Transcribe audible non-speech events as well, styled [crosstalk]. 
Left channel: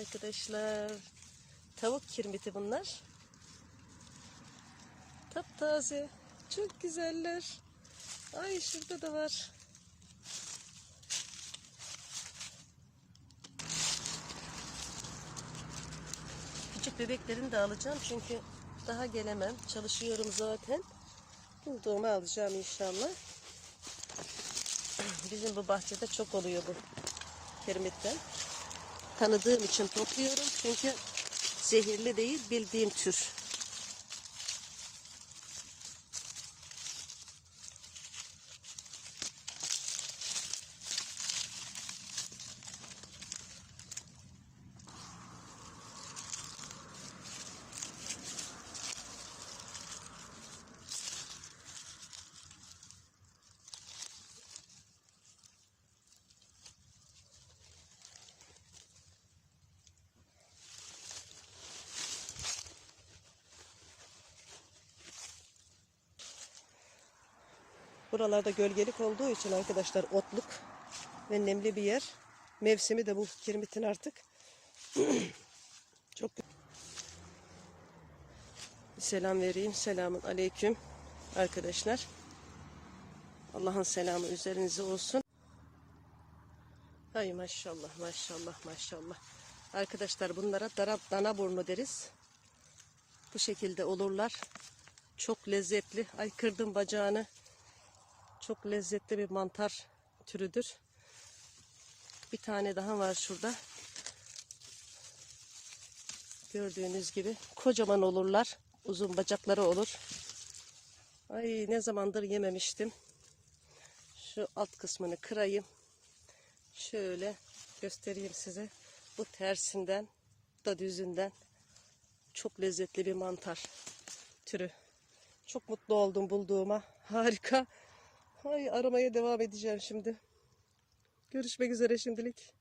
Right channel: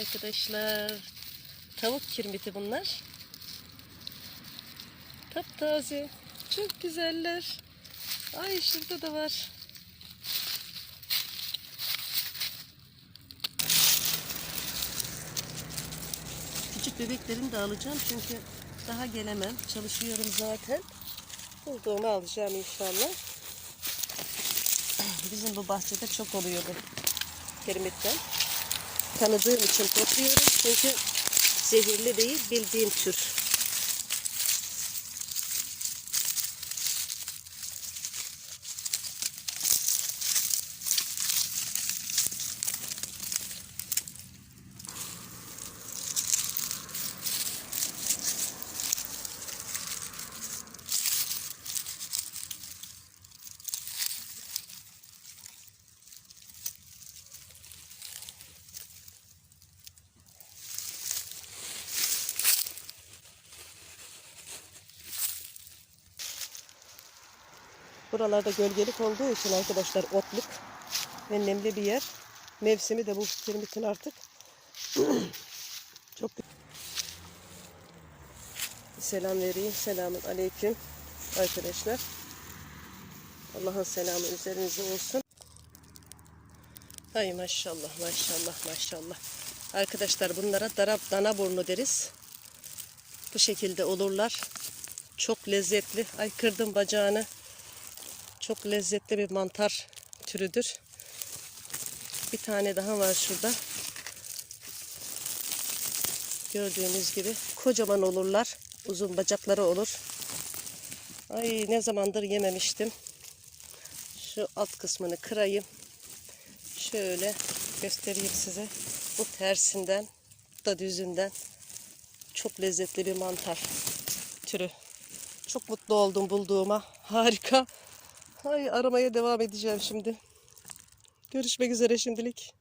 arkadaşlar. Tavuk kirmiti bunlar. Taptaze. Çok güzeller. Ay şurada da var. Küçük bebeklerimi de alacağım çünkü daha gelemem. Çalışıyorum zaten. Bulduğumu alacağım inşallah. Bizim bu bahçede çok oluyor bu kirmitten. Tanıdığım için topluyorum çünkü zehirli değil bildiğim tür. Buralarda gölgelik olduğu için arkadaşlar otluk ve nemli bir yer. Mevsimi de bu kirmitin artık. [clears throat] Çok Selam vereyim. Selamun aleyküm arkadaşlar. Allah'ın selamı üzerinize olsun. Ay maşallah maşallah maşallah. Arkadaşlar bunlara dara, dana burnu deriz. Bu şekilde olurlar. Çok lezzetli. Ay kırdım bacağını. Çok lezzetli bir mantar türüdür. Bir tane daha var şurada. Gördüğünüz gibi kocaman olurlar. Uzun bacakları olur. Ay ne zamandır yememiştim. Şu alt kısmını kırayım. Şöyle göstereyim size. Bu tersinden da düzünden çok lezzetli bir mantar türü. Çok mutlu oldum bulduğuma. Harika. Ay aramaya devam edeceğim şimdi. Görüşmek üzere şimdilik.